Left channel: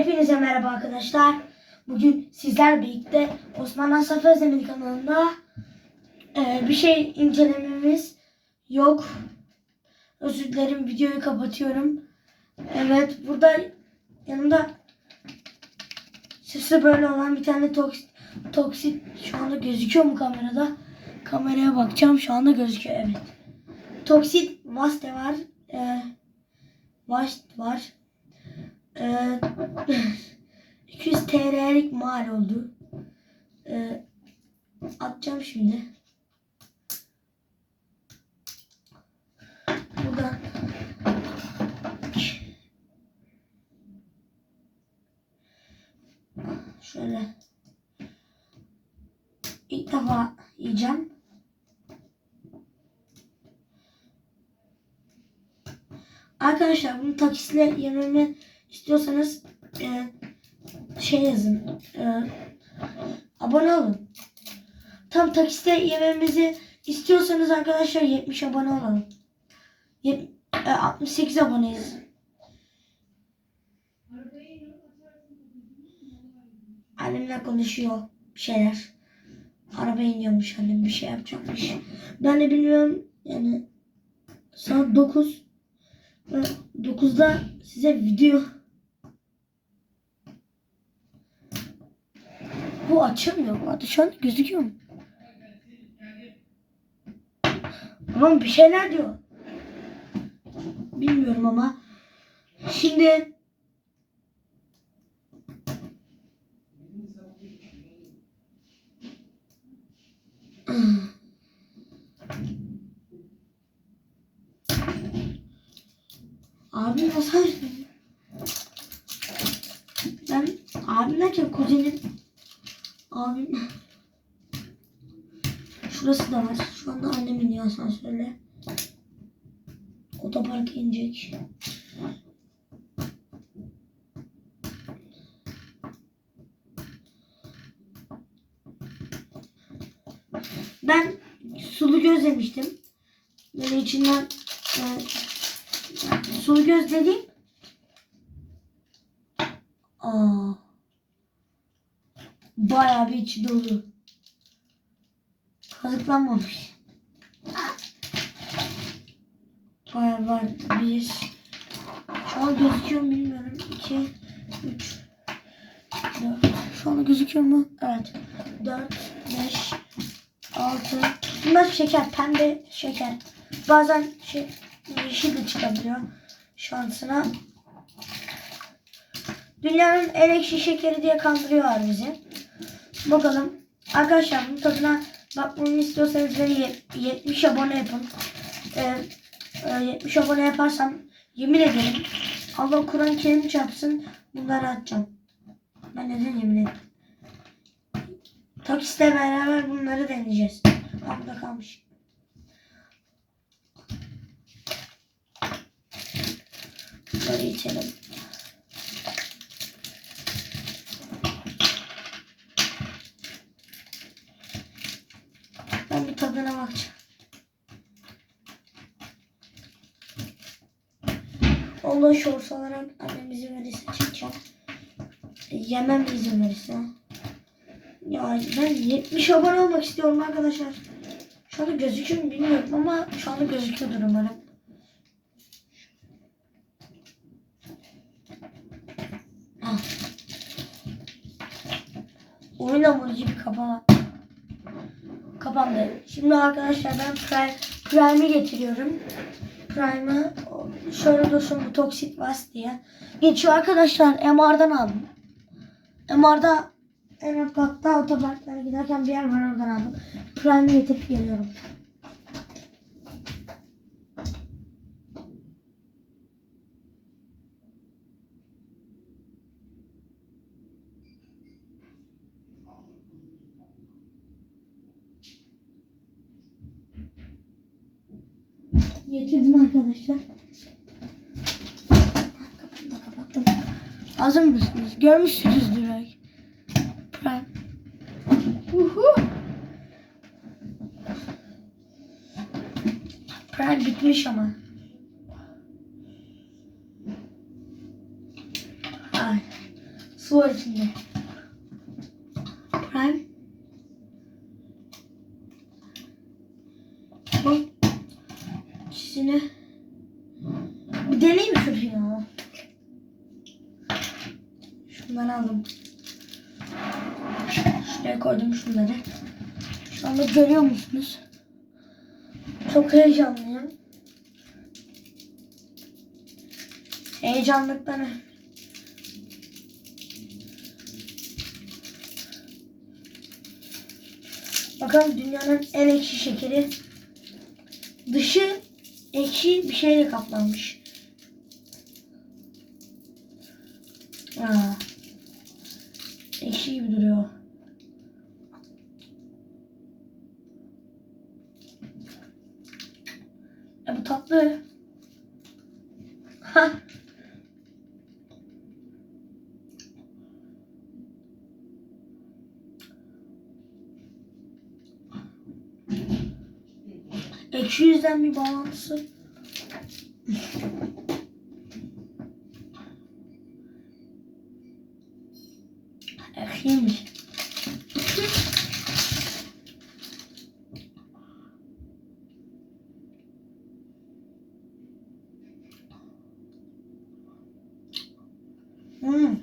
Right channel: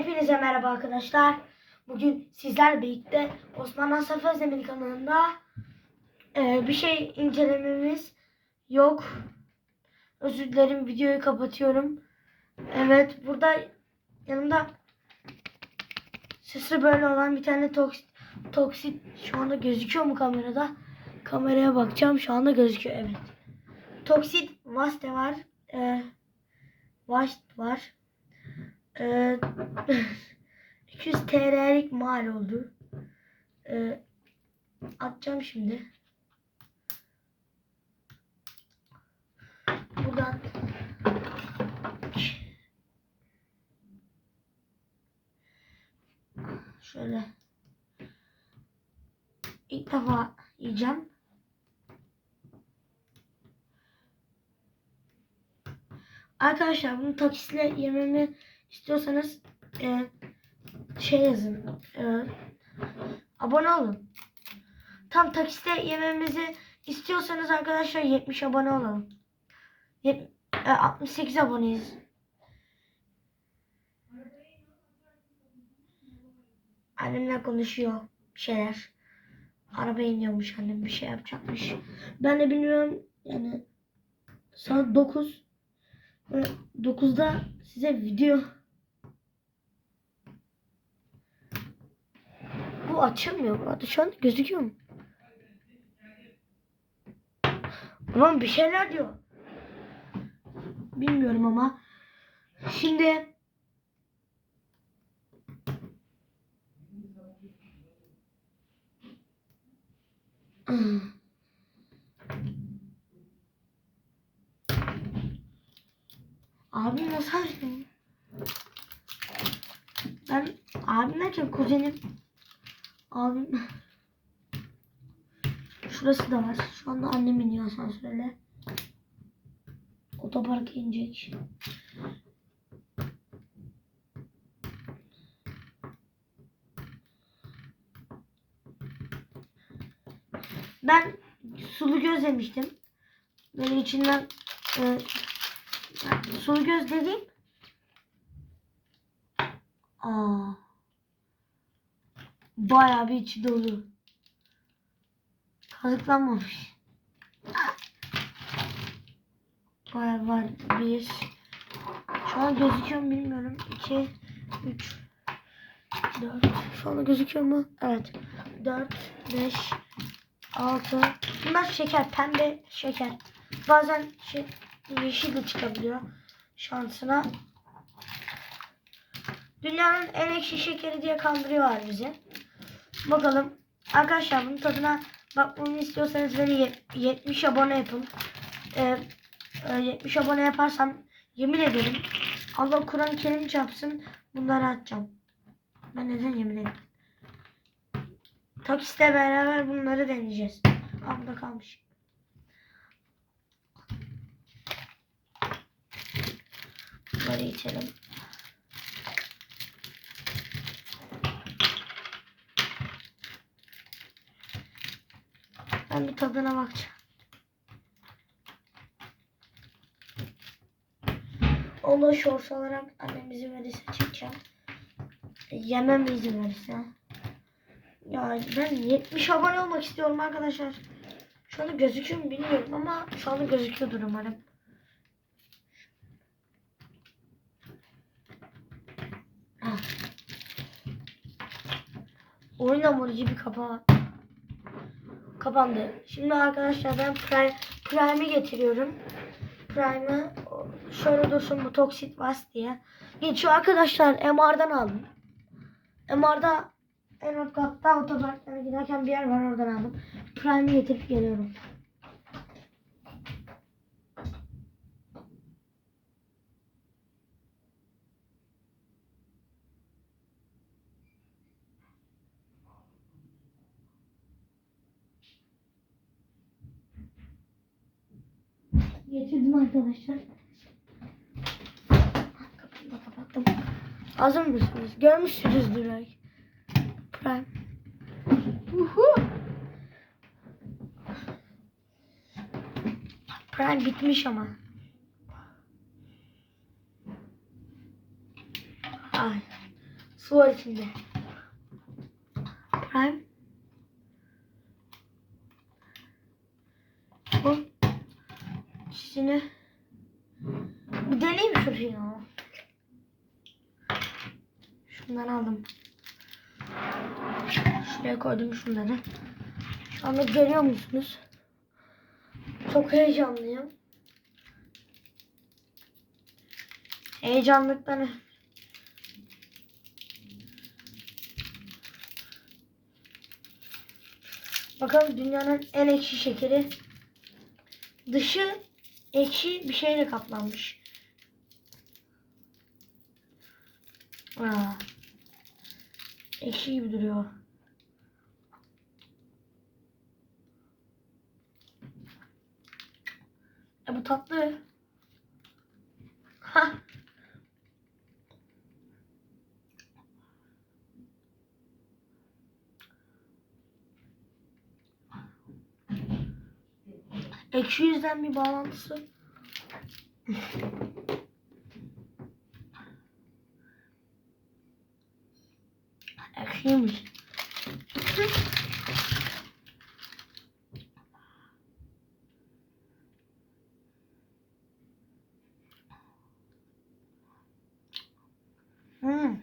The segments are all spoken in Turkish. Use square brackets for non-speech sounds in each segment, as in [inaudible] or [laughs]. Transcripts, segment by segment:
Hepinize merhaba arkadaşlar. Bugün sizler birlikte Osman Asaf Özdemir kanalında e, bir şey incelememiz yok. Özür dilerim videoyu kapatıyorum. Evet burada yanımda sesi böyle olan bir tane toksit, toksit şu anda gözüküyor mu kamerada? Kameraya bakacağım şu anda gözüküyor evet. Toksit Vaste var. E, Vast var. Ee, [laughs] 200 TL'lik mal oldu. Ee, atacağım şimdi. Buradan şöyle ilk defa yiyeceğim. Arkadaşlar bunu taksitle yememi istiyorsanız e, şey yazın. E, abone olun. Tam taksite yememizi istiyorsanız arkadaşlar 70 abone olalım. Yet- e, 68 aboneyiz. Annemle konuşuyor bir şeyler. Araba iniyormuş annem bir şey yapacakmış. Ben de bilmiyorum yani saat 9 ve 9'da size video bu açılmıyor. Hadi şu an gözüküyor mu? Tamam bir şeyler diyor. Bilmiyorum ama. Şimdi Abim nasıl? Ben abim derken kuzenim. Abim. Şurası da var. Şu anda annem iniyor asansörle. Otoparka inecek. Ben sulu göz yemiştim. Böyle içinden e, sulu göz dediğim Aa, bayağı bir içi dolu. Kazıklanmamış. Bayağı var. Bir. Şu an gözüküyor mu bilmiyorum. İki, üç, dört. Şu anda gözüküyor mu? Evet. Dört, beş, altı. Bunlar şeker. Pembe şeker. Bazen şey, yeşil de çıkabiliyor. Şansına. Dünyanın en ekşi şekeri diye kandırıyorlar bizi. Bakalım. Arkadaşlar bunun tadına bakmamı istiyorsanız beni ye- 70 abone yapın. Ee, e, 70 abone yaparsam yemin ederim Allah Kur'an-ı Kerim çarpsın bunları atacağım. Ben neden yemin ederim? Takstle beraber bunları deneyeceğiz. Burada kalmış. Bunları içelim. Ben bir tadına bakacağım. Allah şors olarak annem izin verirse çekeceğim. Yemem izin verirse. Ya ben 70 abone olmak istiyorum arkadaşlar. Şu anda gözüküyor mu bilmiyorum ama şu anda gözüküyordur umarım. Ah. Oyun hamurcu bir kapağı. Kapandı. Şimdi arkadaşlar ben Prime, Prime'i getiriyorum. Prime'ı şöyle dursun bu Toxic Vas diye. Geçiyor arkadaşlar MR'dan aldım. MR'da en alt katta otoparklara giderken bir yer var oradan aldım. Prime'i getirip geliyorum. Getirdim arkadaşlar. Da kapattım. Hazır mısınız? Görmüşsünüzdür ay. Prime. Uhu. Prime bitmiş ama. Ay. Su var içinde. Prime. Bu ikisini bir deneyeyim şurayı ya. Şundan aldım. Şuraya koydum şunları. Şu anda görüyor musunuz? Çok heyecanlıyım. Heyecanlıktan Bakalım dünyanın en ekşi şekeri. Dışı ekşi bir şeyle kaplanmış. Aa. Ekşi gibi duruyor. E bu tatlı. Ha. Ekşi yüzden bir bağlantısı. Ekşiymiş. Hmm.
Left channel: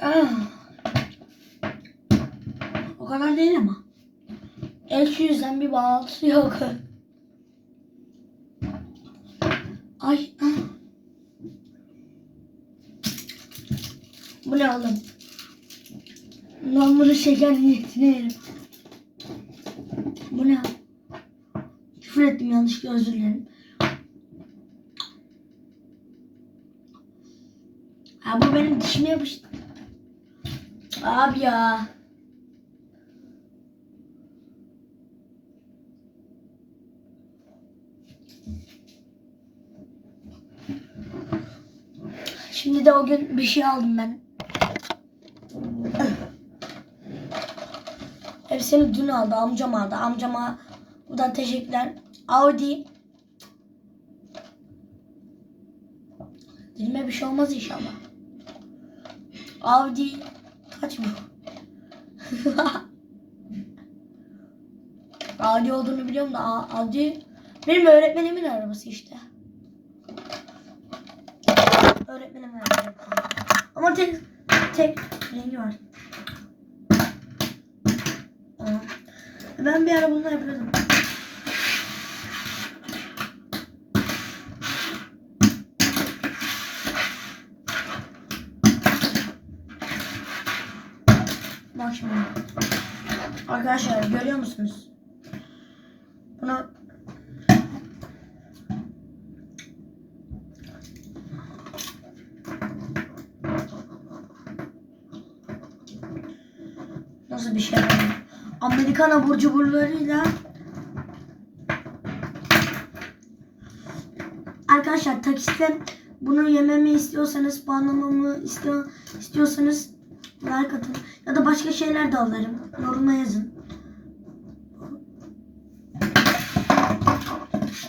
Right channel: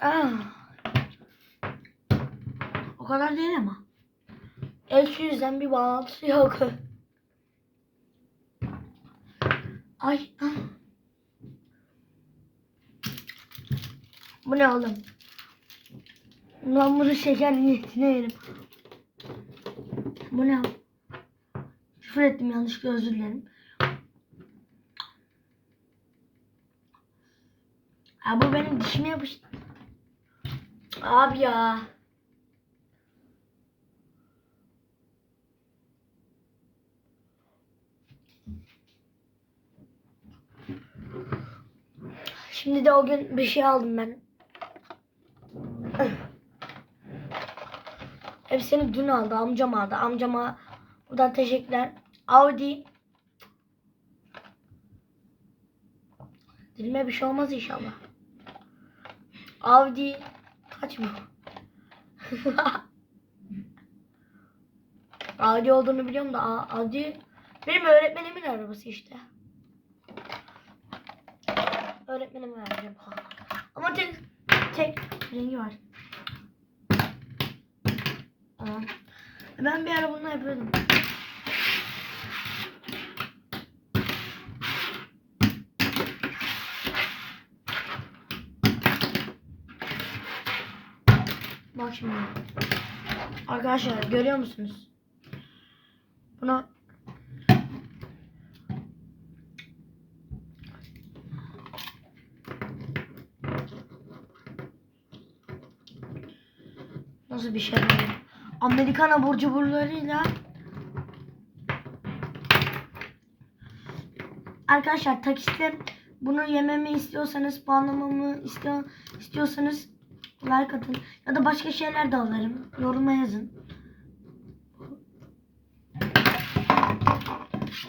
Ah. O kadar değil ama. Ekşi yüzden bir bağlantısı yok. Ay. ah. Bu ne oğlum? Ben bunu şeker niyetine yerim. Bu ne? Küfür ettim yanlışlıkla özür dilerim. Ha bu benim dişime yapıştı. Abi ya. Şimdi de o gün bir şey aldım ben. Hepsini dün aldı. Amcam aldı. Amcama buradan teşekkürler. Audi. Dilime bir şey olmaz inşallah. Audi. Kaç bu? [laughs] Audi olduğunu biliyorum da Audi benim öğretmenimin arabası işte. Öğretmenim verdi. Ama tek tek rengi var. Aa. Ben bir ara bununla yapıyordum. Bak şimdi. Arkadaşlar görüyor musunuz? Bunu Nasıl bir şey böyle? Amerikan abur cuburlarıyla Arkadaşlar takiste bunu yememi istiyorsanız, puanlamamı istiyor, istiyorsanız like atın. Ya da başka şeyler de alırım. Yoruma yazın.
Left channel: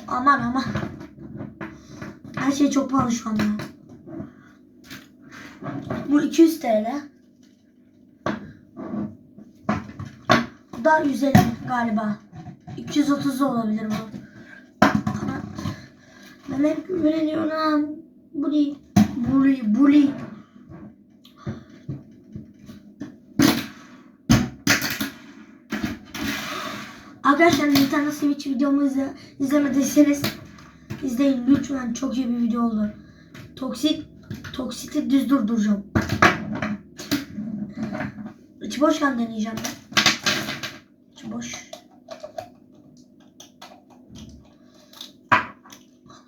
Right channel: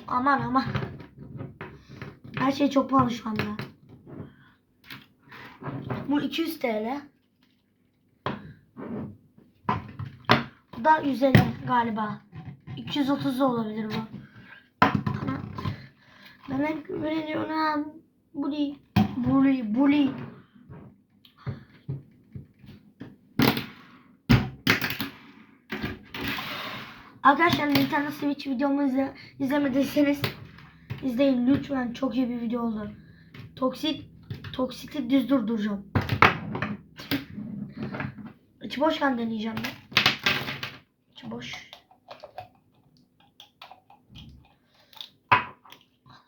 Aman aman. Her şey çok pahalı şu anda. Bu 200 TL. Da 150 galiba. 230 da olabilir bu. Ben hep güveniyorum. Bully. Bully. Bully. Arkadaşlar Nintendo Switch videomu izle, izlemediyseniz izleyin lütfen çok iyi bir video oldu. Toksit Toksiti düz durduracağım. İçi boşken deneyeceğim ben. Boş.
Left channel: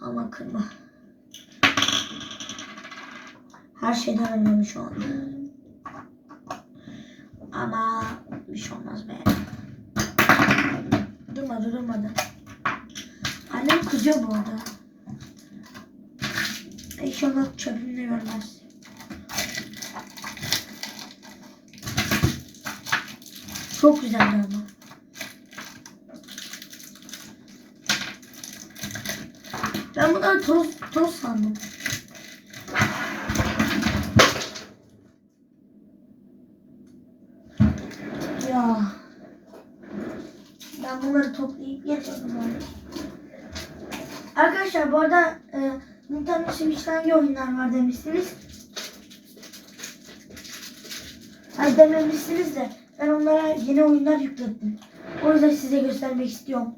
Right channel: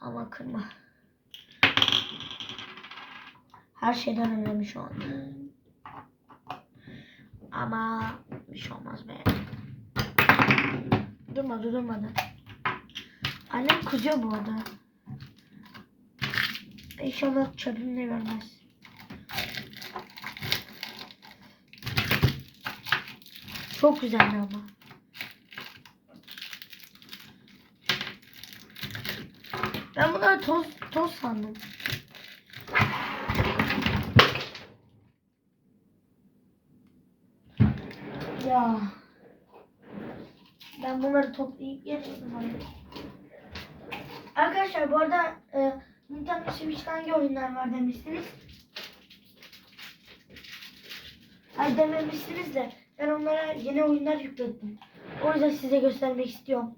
Ama kırma. Her şeyden önemli şu an. Ama bir şey olmaz be. Durmadı durmadı. Annem kızıyor bu arada. İnşallah çöpümde görmez. Çok güzeldi ama. Ben bunları toz, toz sandım. Ya. Ben bunları toplayıp getirdim abi. Arkadaşlar bu arada e, Nintendo Switch'te hangi oyunlar var demiştiniz. Hayır dememişsiniz de ben onlara yeni oyunlar yükledim. O yüzden size göstermek istiyorum.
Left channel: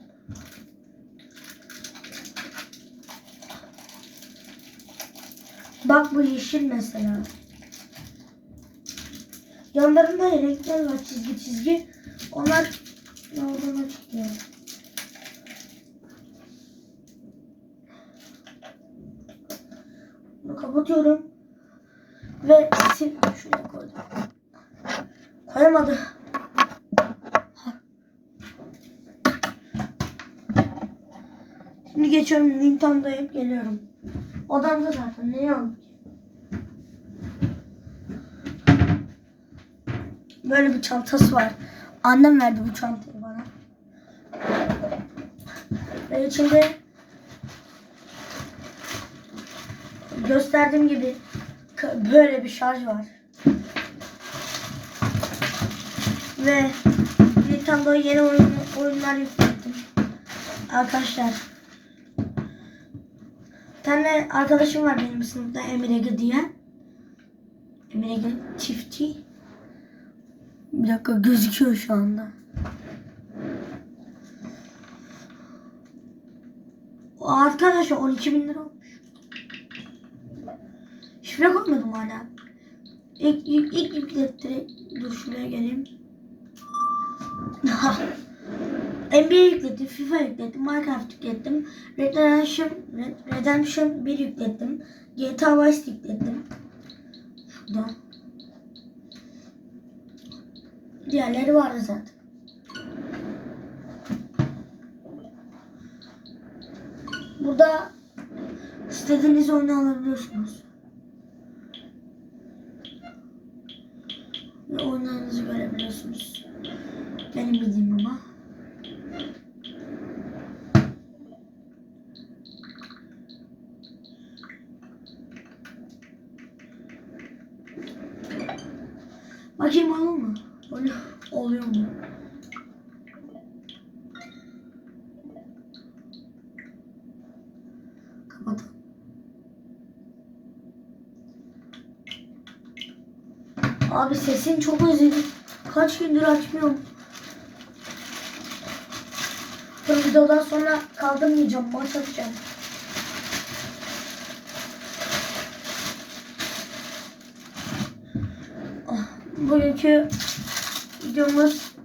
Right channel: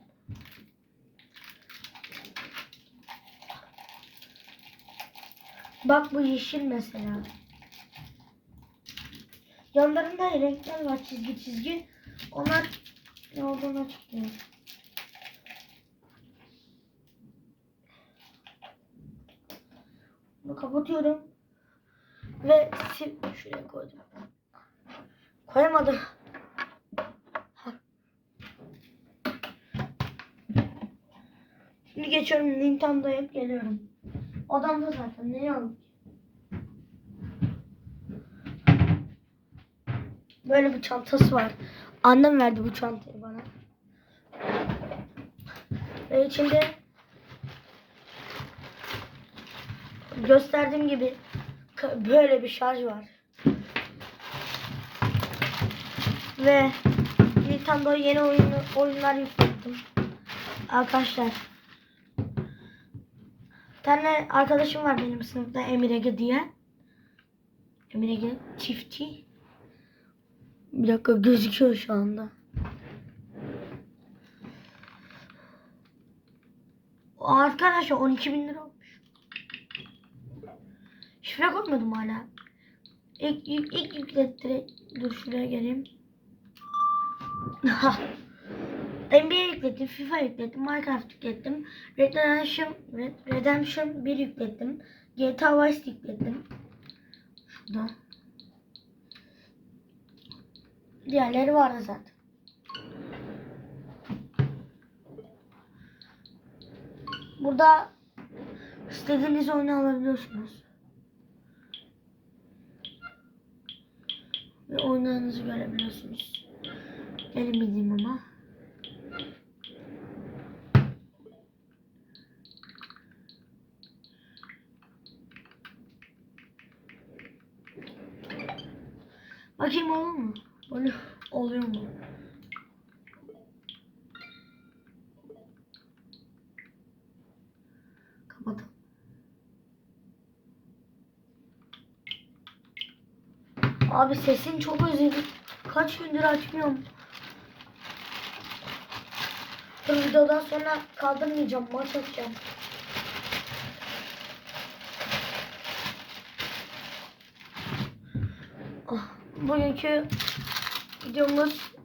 Bak bu yeşil mesela. Yanlarında renkler var çizgi çizgi. Onlar olduğunu açıklıyor. Bunu kapatıyorum. Ve sim şuraya koydum. Koyamadı. Şimdi geçiyorum Nintendo'ya geliyorum. Odamda zaten ne yok. Böyle bir çantası var. Annem verdi bu çantayı bana. Ve içinde gösterdiğim gibi böyle bir şarj var. Ve Nintendo'ya yeni oyun, oyunlar yükledim. Arkadaşlar. Tane arkadaşım var benim sınıfta Emir Ege diye. Emir Ege çiftçi. Bir dakika gözüküyor şu anda. Arkadaşlar 12 bin lira olmuş. Şifre koymadım hala. İlk, ilk, ilk yüklettire. Dur şuraya geleyim. NBA yüklettim, FIFA yüklettim, Minecraft yüklettim, Red Redemption, Red Redemption 1 yüklettim, GTA Vice yüklettim. Şurada. Diğerleri vardı zaten. Burada istediğiniz oyunu alabiliyorsunuz. Ve oyunlarınızı görebiliyorsunuz. Benim bildiğim ama. Bakayım olur mu? Oluyor, mu? Kapat. Abi sesin çok özledim. Kaç gündür açmıyorum. Bu videodan sonra kaldırmayacağım. Maç atacağım. Ah, Bugünkü videomuz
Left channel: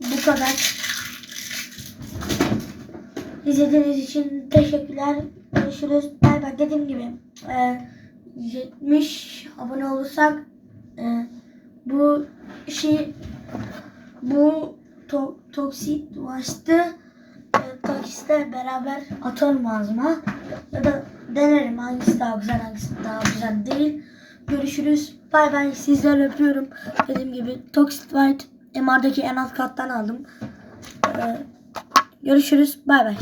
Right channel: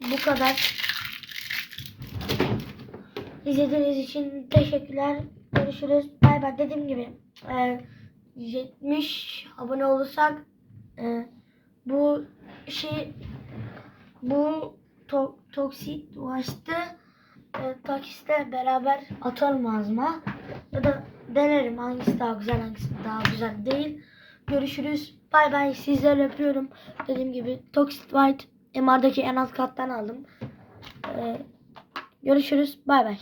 bu kadar. İzlediğiniz için teşekkürler. Görüşürüz. Bay bay. Dediğim gibi e, 70 abone olursak e, bu şey bu to, toksit başta e, taksiste beraber atarım ağzıma. Ya da denerim hangisi daha güzel hangisi daha güzel değil. Görüşürüz. Bay bay. Sizleri öpüyorum. Dediğim gibi Toxic White MR'daki en alt kattan aldım. Ee, görüşürüz. Bay bay.